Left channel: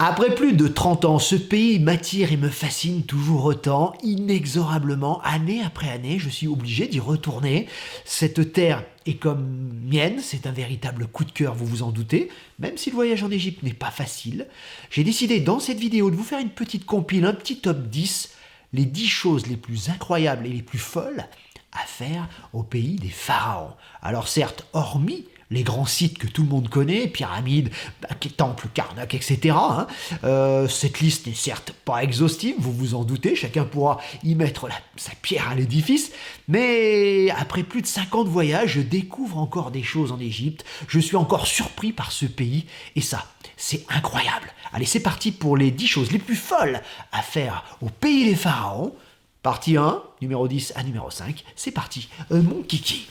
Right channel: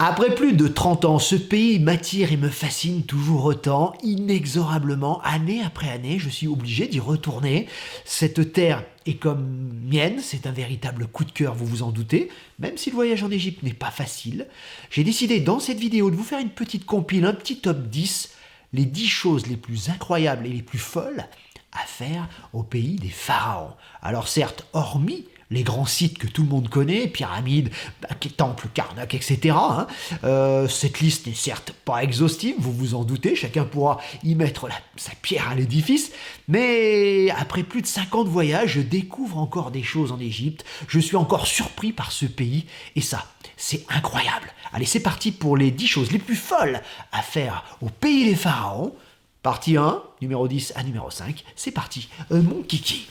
Après plus de 30 ans, ce pays m'attire et me fascine toujours autant, inexorablement, année après année, je suis obligé d'y retourner. Cette terre est comme mienne, c'est un véritable coup de cœur, vous vous en doutez, même si le voyage en Égypte n'est pas facile. J'ai décidé dans cette vidéo de vous faire une petite compile, un petit top 10, les 10 choses les plus incroyables et les plus folles à faire au pays des pharaons. Alors certes, hormis les grands sites que tout le monde connaît, pyramides, temples, Karnak, etc. Cette liste n'est certes pas exhaustive, vous vous en doutez, chacun pourra y mettre sa pierre à l'édifice, mais après plus de 50 voyages, je découvre encore des choses en Égypte, je suis encore surpris par ce pays, et ça, c'est incroyable. Allez, c'est parti pour les 10 choses les plus folles à faire au pays des pharaons. Partie 1, numéro 10 à numéro 5, c'est parti, mon kiki.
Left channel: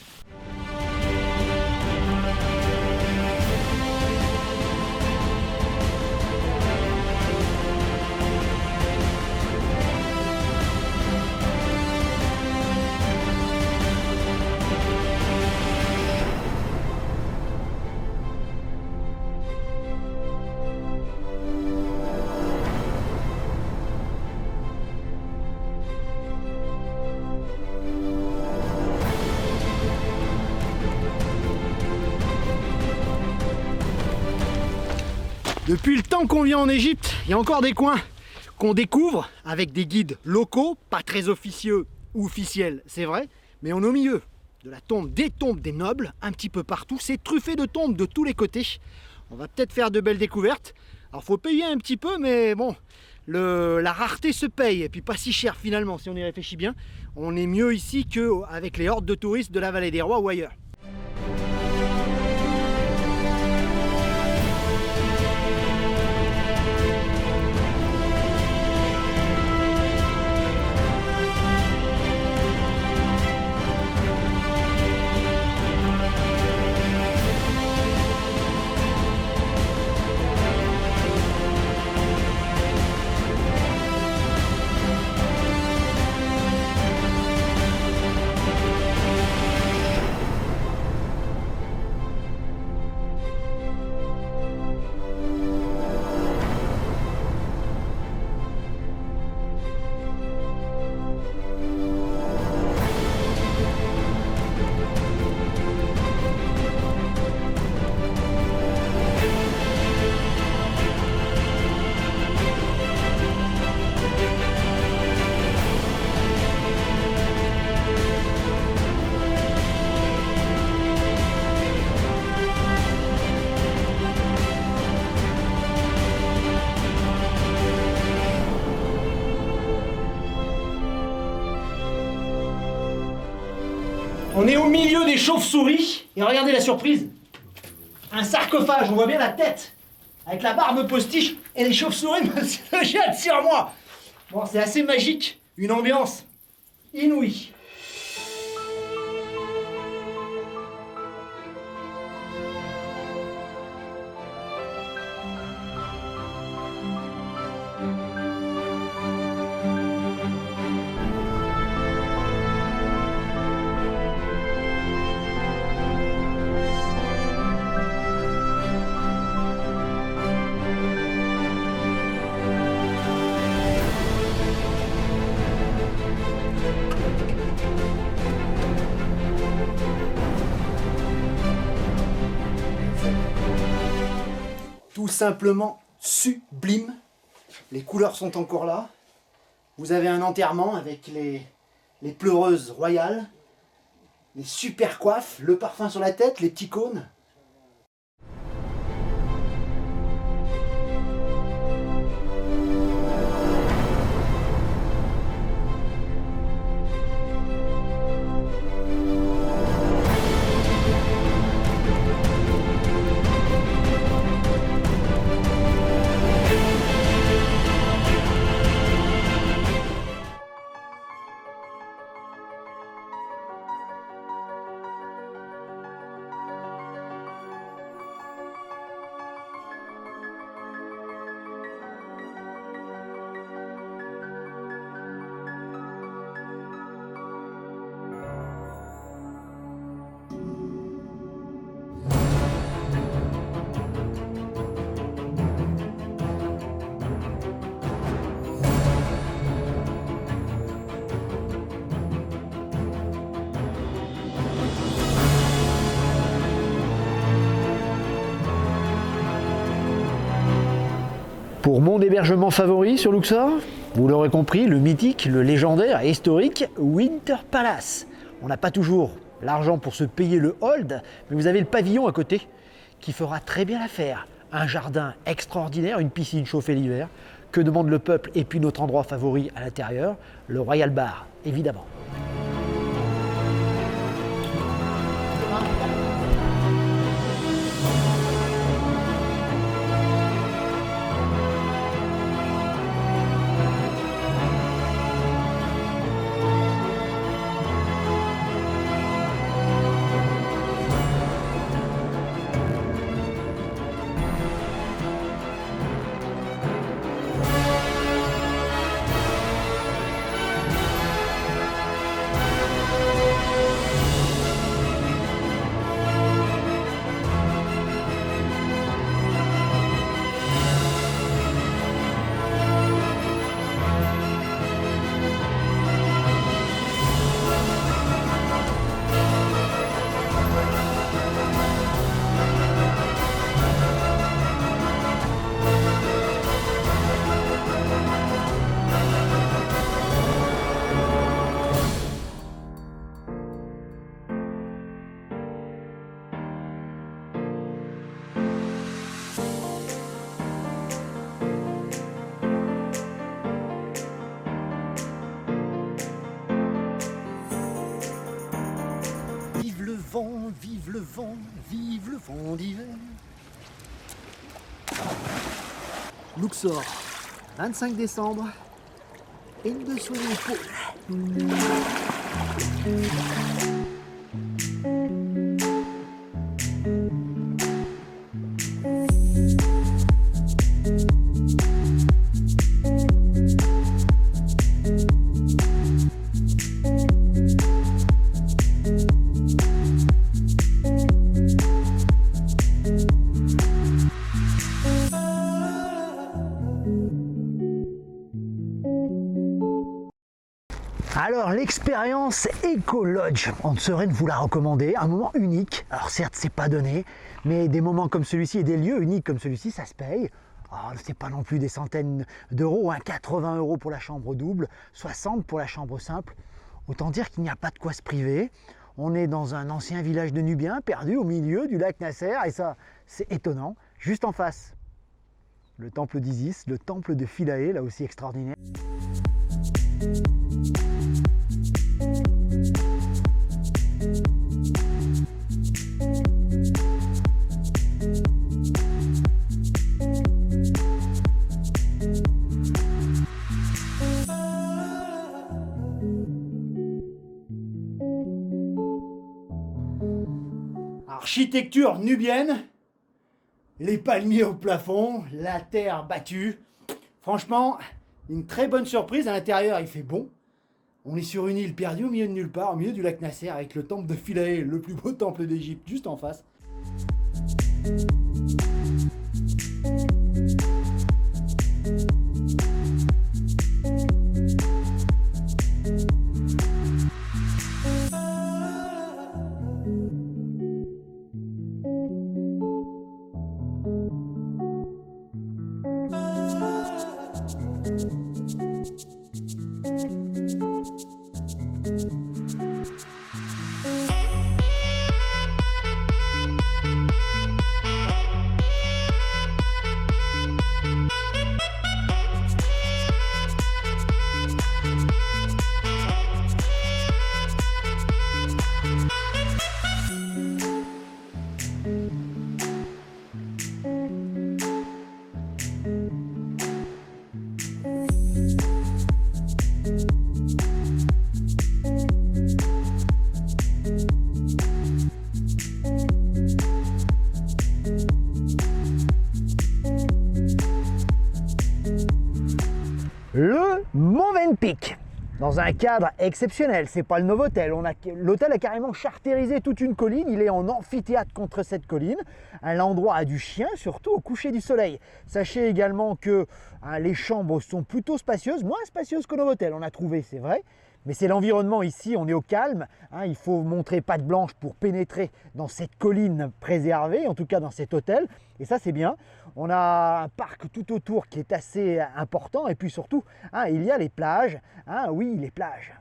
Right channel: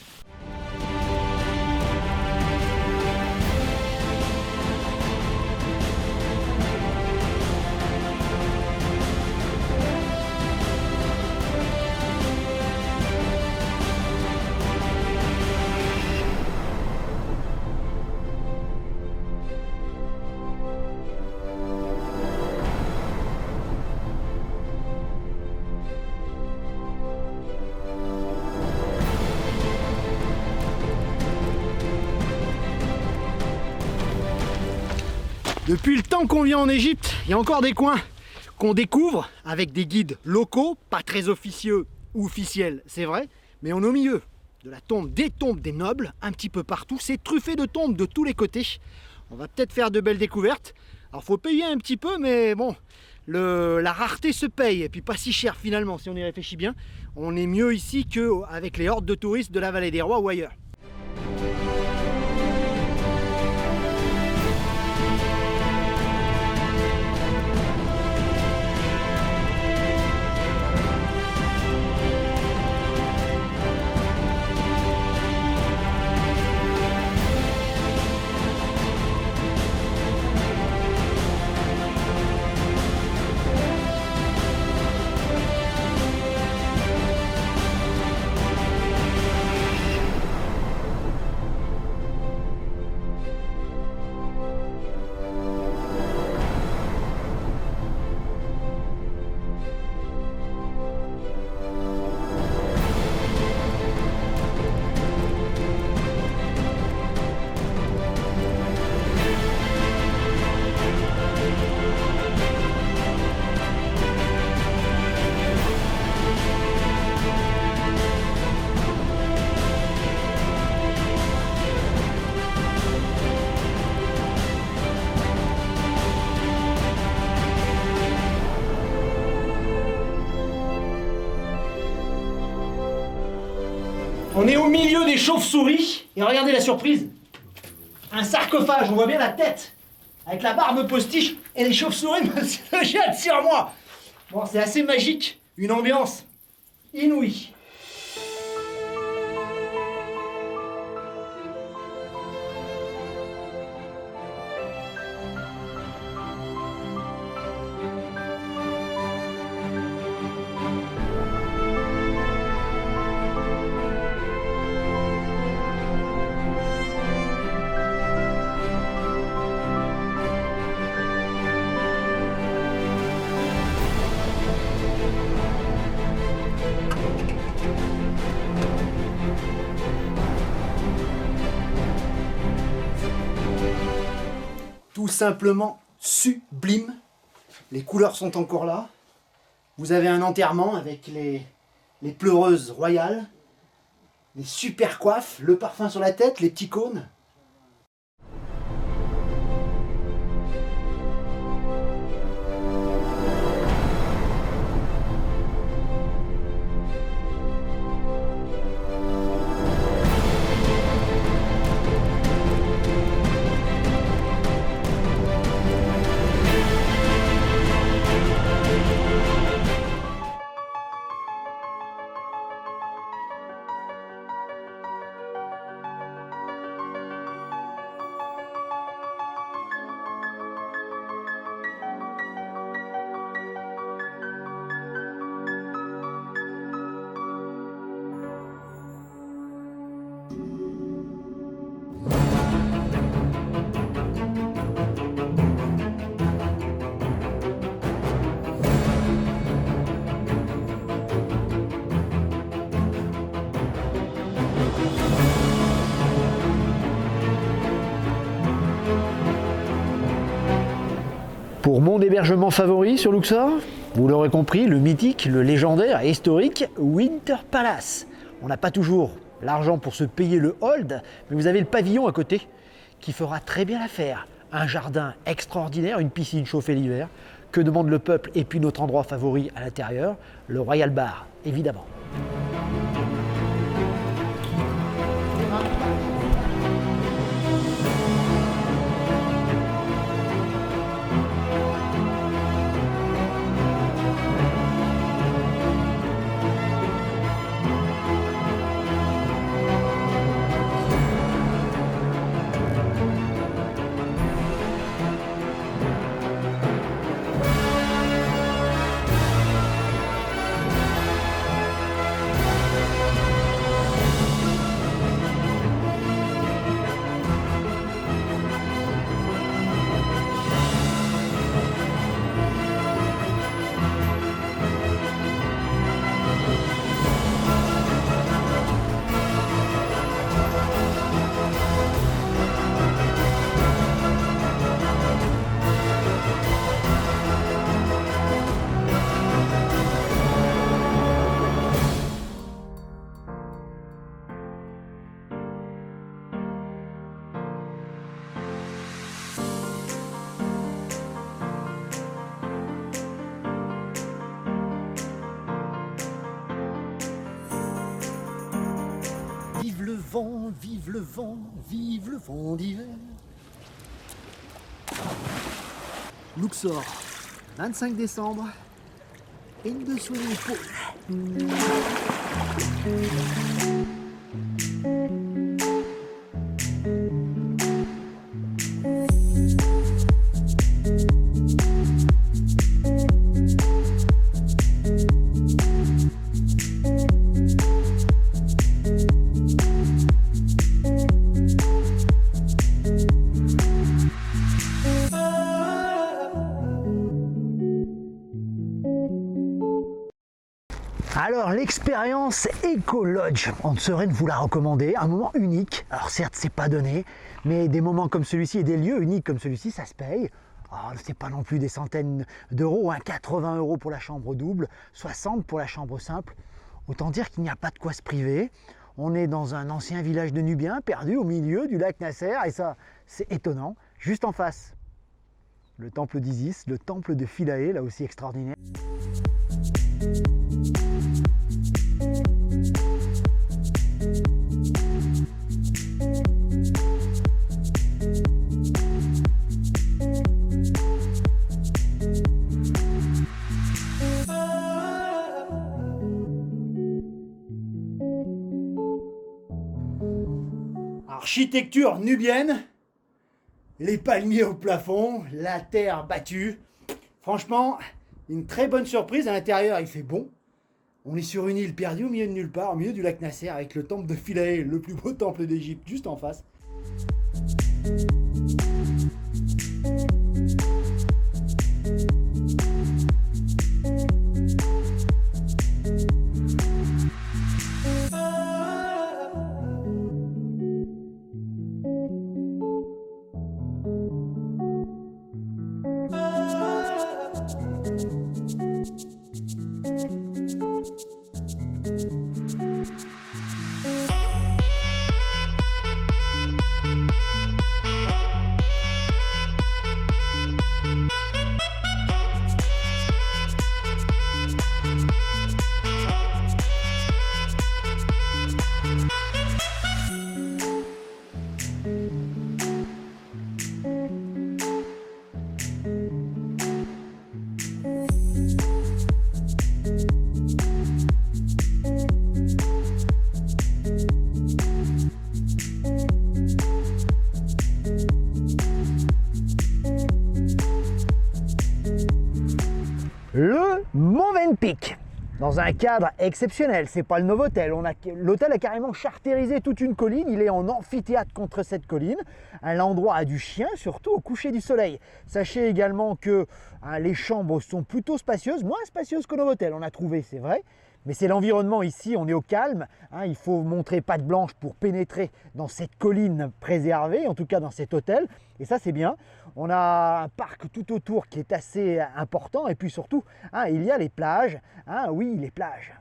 Depuis le temps qu'on vient en Égypte, il y a encore des coins qu'on découvre avec des guides locaux, pas très officieux ou officiels, c'est vrai, mais on est au milieu de la tombe des nobles, un petit peu partout. C'est truffé de tombes de tous les côtés. On va peut-être faire de belles découvertes. Alors faut payer un petit peu, mais bon, la rareté se paye, et puis pas si cher finalement si on y réfléchit bien. On est mieux ici qu'avec les hordes de touristes de la vallée des rois ou ailleurs. On est au milieu des chauves-souris, et regardez la surprise. Un sarcophage, on voit bien la tête, avec la barbe postiche, et les chauves-souris me jettent sur moi. Bon, c'est assez magique, une ambiance inouïe. Tout simplement sublime. Les couleurs sont encore là. Vous avez un enterrement avec les pleureuses royales, les super coiffes, le parfum sur la tête, les petits cônes. Pour mon hébergement favori sur Luxor, vous l'aurez compris, le mythique, le légendaire et historique Winter Palace. On n'a pas toujours l'argent pour se payer le hold, mais vous avez le pavillon à côté qui fera très bien l'affaire. Un jardin extraordinaire, une piscine chauffée l'hiver. Que demande le peuple? Et puis notre endroit favori à l'intérieur, le Royal Bar, évidemment. Vive le vent, vive le vent d'hiver. Luxor, 25 décembre, in the swimming pool. Alors l'expérience Eco Lodge, on ne saurait vous la recommander, un moment unique. Alors certes c'est pas donné, mais des moments comme celui-ci et des lieux uniques comme celui-ci, ça se paye. Oh, c'est pas non plus des centaines d'euros, hein, 80 € pour la chambre double, 60 pour la chambre simple. Autant dire qu'il n'y a pas de quoi se priver. On est dans un ancien village de Nubiens, perdu au milieu du lac Nasser, et ça c'est étonnant. Juste en face, le temple d'Isis, le temple de Philae, là aussi extraordinaire. Architecture nubienne, les palmiers au plafond, la terre battue. Franchement, une très bonne surprise. À l'intérieur, il fait bon. On est sur une île perdue au milieu de nulle part, au milieu du lac Nasser, avec le temple de Philae, le plus beau temple d'Égypte, juste en face. Le Movenpick, dans un cadre exceptionnel. C'est pas le Novotel. L'hôtel a carrément chartérisé toute une colline. Il est en amphithéâtre contre cette colline. L'endroit a du chien, surtout au coucher du soleil. Sachez également que les chambres sont plutôt spacieuses, moins spacieuses qu'au Novotel, on a trouvé, c'est vrai. Mais c'est l'environnement ici, on est au calme, hein, il faut montrer patte blanche pour pénétrer dans cette colline préservée, en tout cas dans cet hôtel, et ça c'est bien. On a un parc tout autour qui est assez important, et puis surtout, hein, il y a les plages, hein, oui les plages.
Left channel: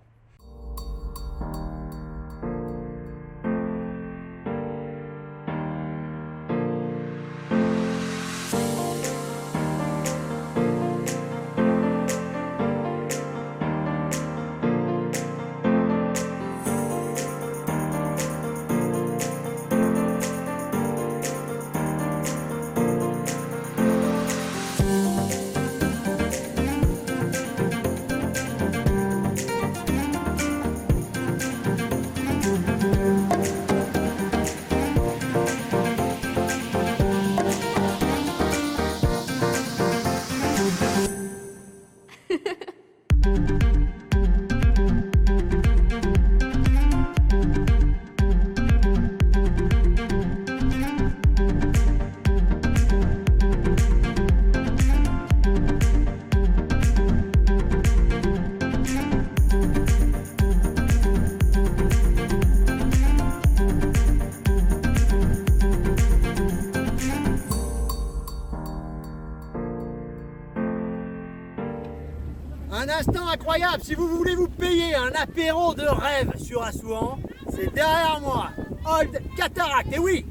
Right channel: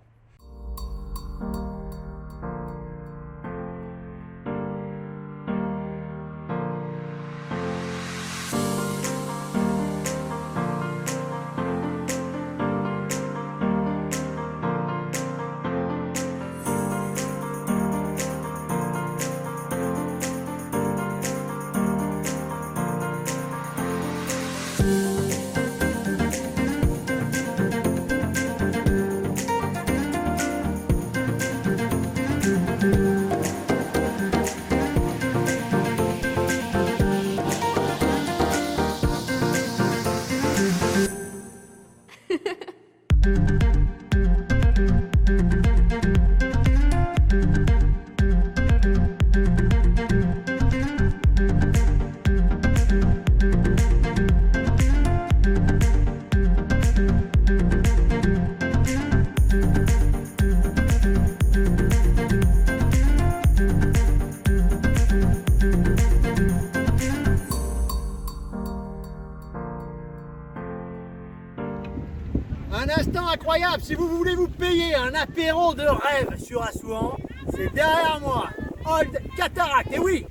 Un instant incroyable, si vous voulez vous payer un apéro de rêve sur Assouan, c'est derrière moi, Old Cataract, et oui,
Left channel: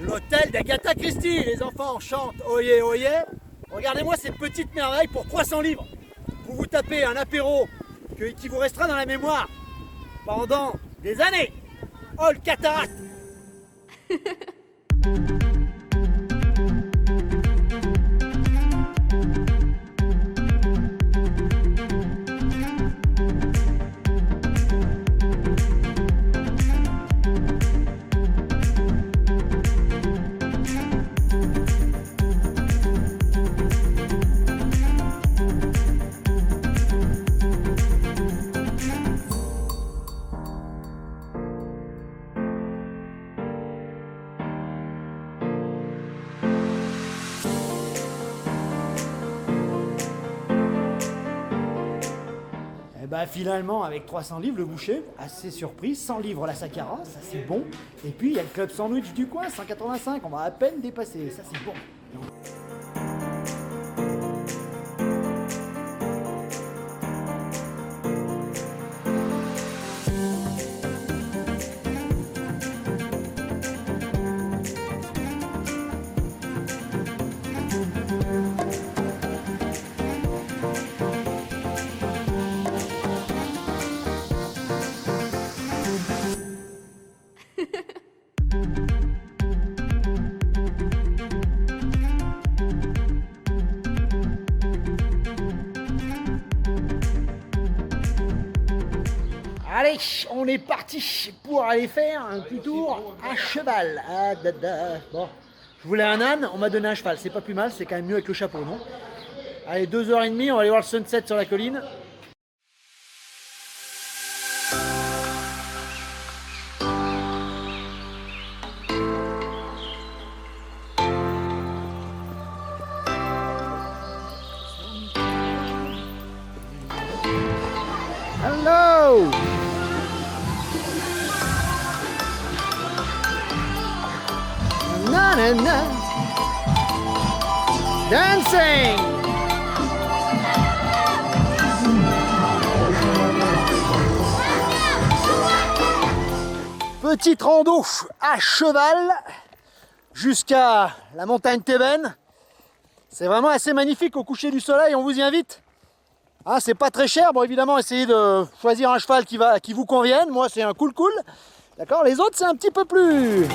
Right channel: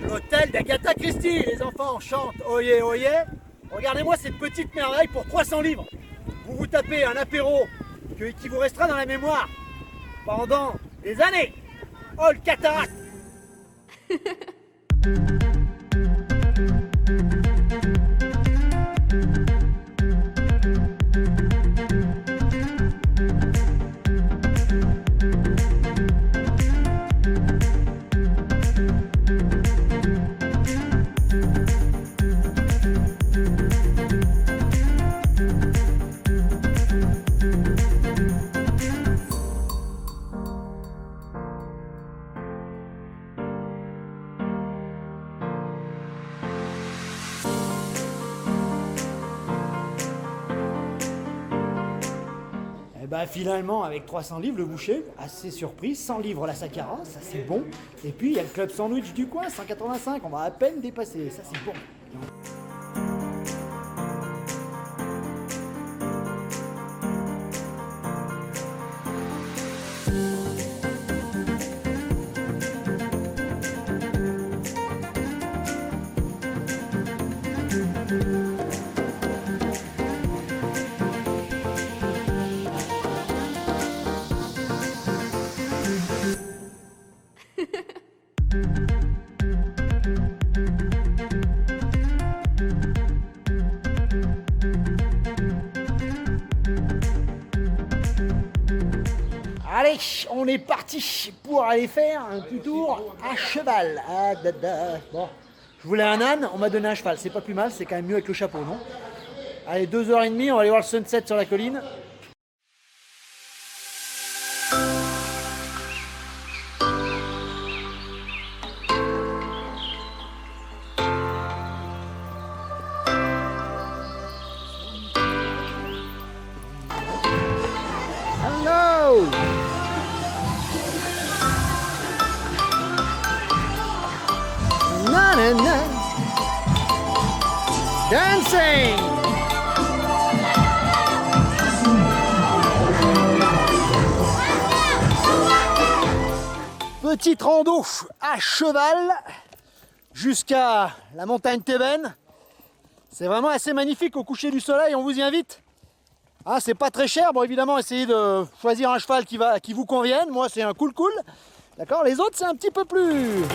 l'hôtel d'Agatha Christie, les enfants chantent oyez oyez. Regardez-moi ces petites merveilles pour 300 livres. Vous vous tapez un apéro qui vous restera dans la mémoire pendant des années. Old Cataract. Bah finalement, avec 300 livres, le boucher, assez surpris, 100 livres la Sakara, ça c'est bon. Et puis il y a le club sandwich du coin, 185, on va à peine dépasser, ça c'est bon. Allez, on est parti pour aller faire un petit tour à cheval. Ah, bon, je voulais un âne, on m'a donné un cheval. C'est pas plus mal, c'est quand même mieux avec le chapeau, non? Allez, 2h30, on va aller voir le sunset sur la colline. Hello! Na na na. Dancing! Petite rando à cheval jusqu'à la montagne Tébène. C'est vraiment assez magnifique au coucher du soleil, on vous y invite. Ah, c'est pas très cher, bon évidemment essayez de choisir un cheval qui vous convienne. Moi c'est un cool. D'accord, les autres c'est un petit peu plus.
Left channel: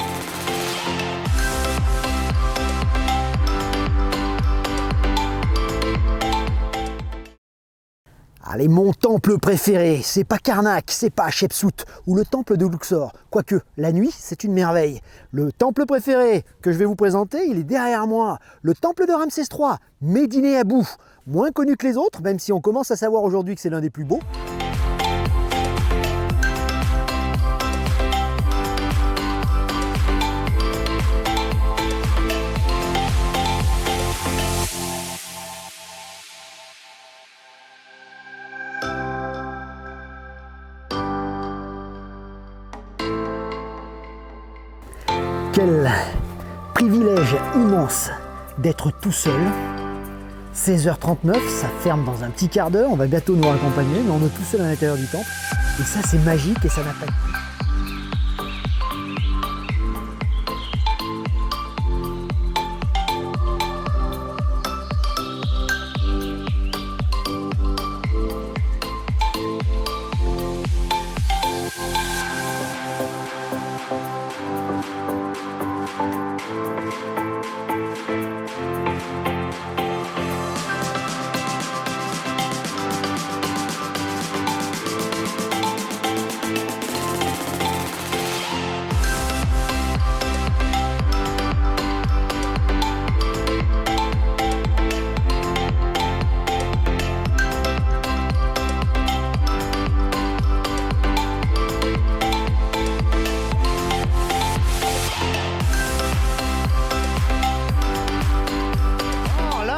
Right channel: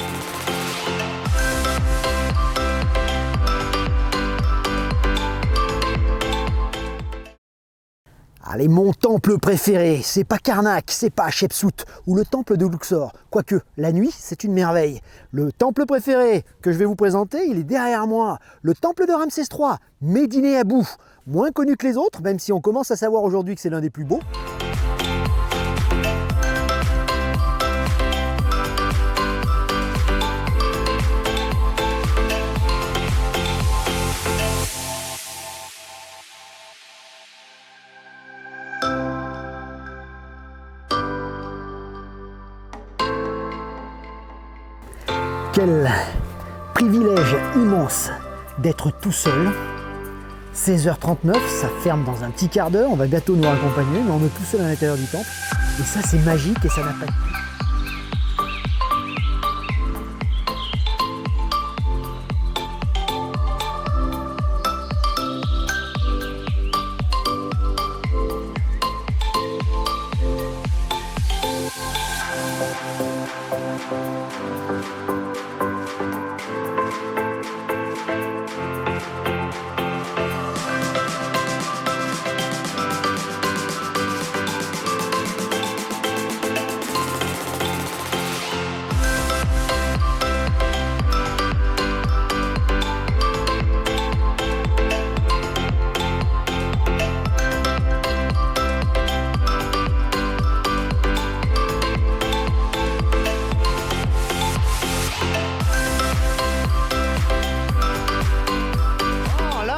Allez, mon temple préféré, c'est pas Karnak, c'est pas Hatshepsut ou le temple de Luxor. Quoique, la nuit, c'est une merveille. Le temple préféré que je vais vous présenter, il est derrière moi. Le temple de Ramsès III, Médine Abou. Moins connu que les autres, même si on commence à savoir aujourd'hui que c'est l'un des plus beaux. Quel privilège immense d'être tout seul. 16h39, ça ferme dans un petit quart d'heure, on va bientôt nous raccompagner, mais on est tout seul à l'intérieur du temple. Et ça, c'est magique et ça n'a pas de prix.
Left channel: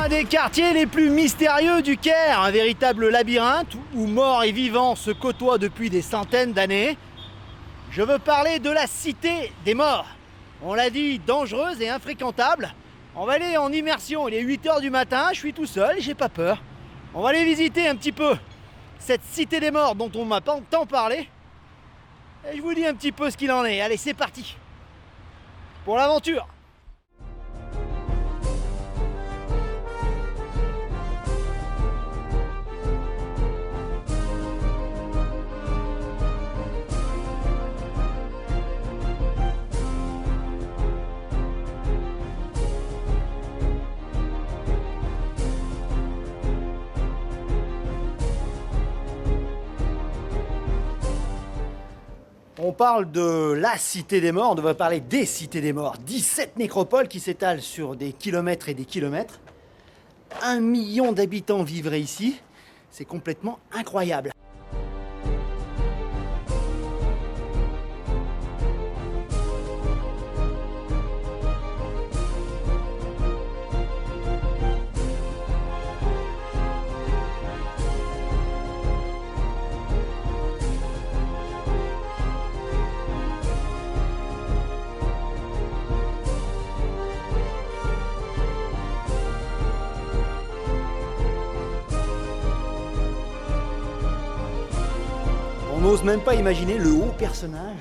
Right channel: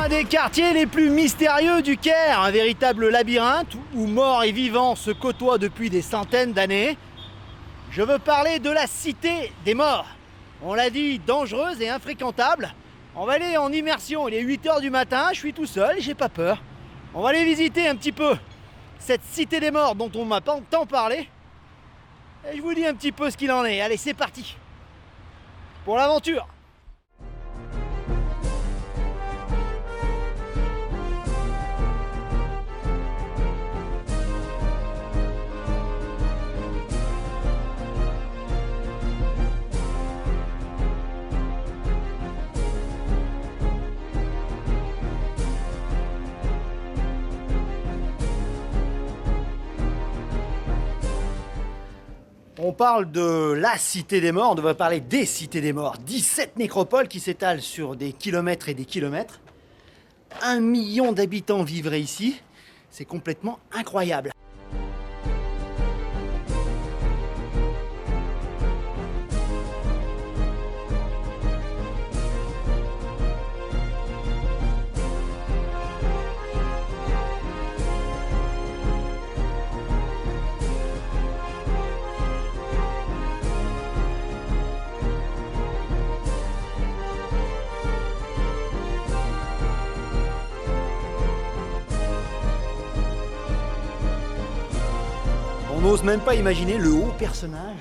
Des quartiers les plus mystérieux du Caire, un véritable labyrinthe où morts et vivants se côtoient depuis des centaines d'années. Je veux parler de la cité des morts. On l'a dit, dangereuse et infréquentable. On va aller en immersion, il est 8h du matin, je suis tout seul, j'ai pas peur. On va aller visiter un petit peu cette cité des morts dont on m'a tant parlé. Et je vous dis un petit peu ce qu'il en est. Allez, c'est parti pour l'aventure. On parle de la cité des morts, on devrait parler des cités des morts. 17 nécropoles qui s'étalent sur des kilomètres et des kilomètres. 1 million d'habitants vivraient ici. C'est complètement incroyable. On n'ose même pas imaginer le haut personnage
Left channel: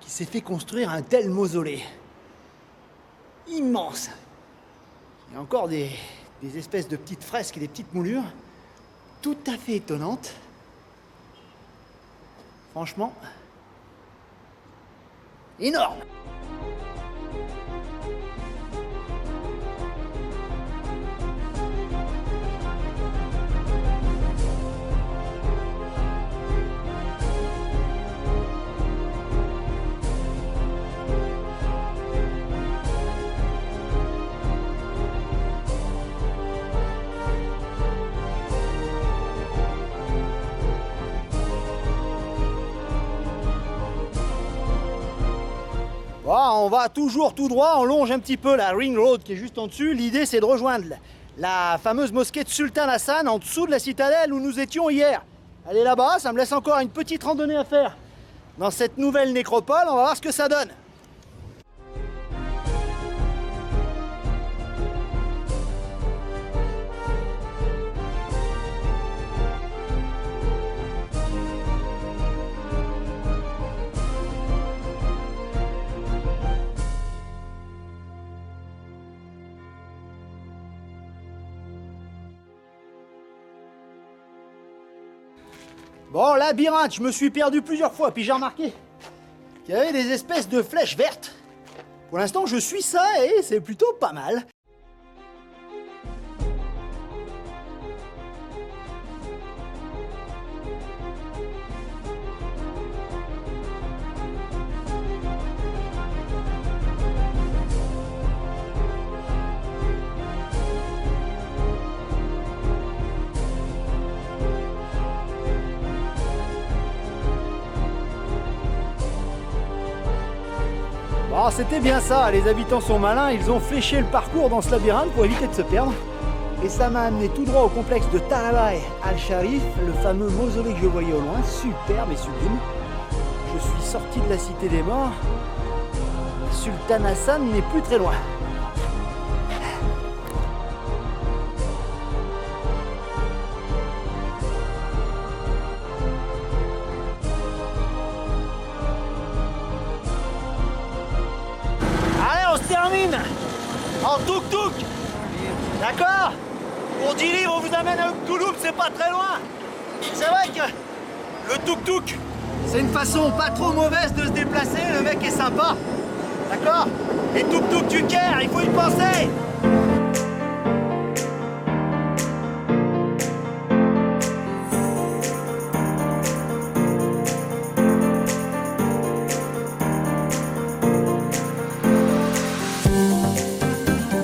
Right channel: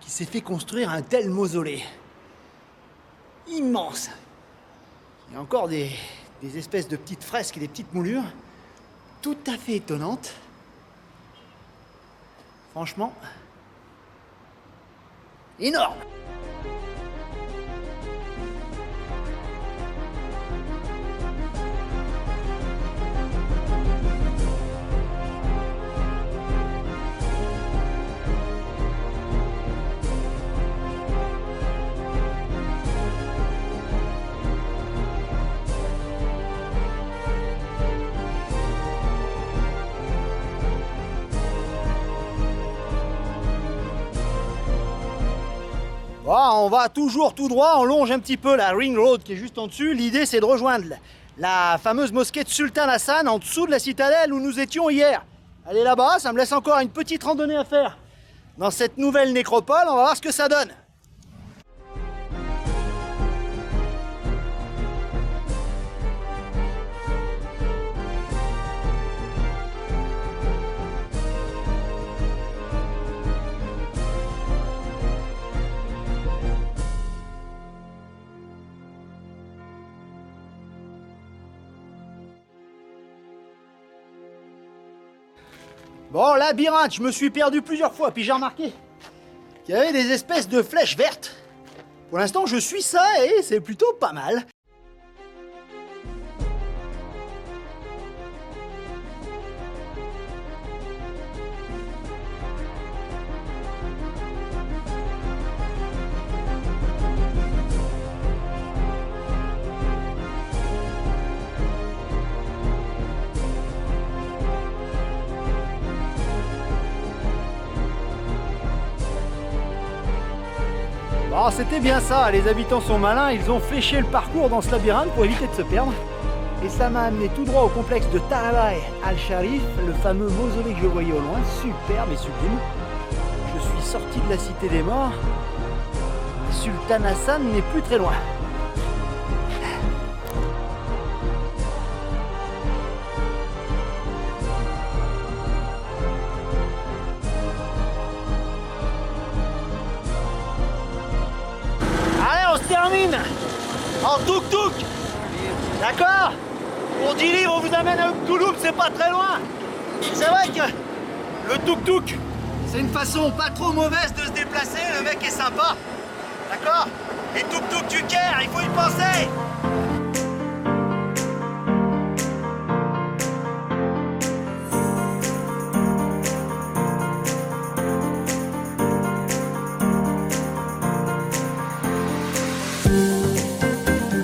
qui s'est fait construire un tel mausolée. Immense. Il y a encore des espèces de petites fresques et des petites moulures tout à fait étonnantes. Franchement, énorme. Bon, on va toujours tout droit, on longe un petit peu la Ring Road qui est juste en dessus. L'idée c'est de rejoindre la fameuse mosquée de Sultan Hassan en dessous de la citadelle où nous étions hier. Elle est là-bas, ça me laisse encore une petite randonnée à faire dans cette nouvelle nécropole, on va voir ce que ça donne. Bon, labyrinthe, je me suis perdu plusieurs fois, puis j'ai remarqué qu'il y avait des espèces de flèches vertes. Pour l'instant, je suis ça et c'est plutôt pas mal. Bon, c'était bien ça, les habitants sont malins, ils ont fléché le parcours dans ce labyrinthe pour éviter de se perdre. Et ça m'a amené tout droit au complexe de Tarabai al-Sharif, le fameux mausolée que je voyais au loin, superbe et sublime. Je suis sorti de la cité des morts, on a Sultan Hassan n'est plus très loin. Allez, on se termine en tuk-tuk. D'accord? Pour 10 livres, on vous amène à Touloum, c'est pas très loin. C'est vrai que le tuk-tuk, c'est une façon pas trop mauvaise de se déplacer, le mec est sympa. D'accord? Et tuk-tuk du Caire, il faut y penser.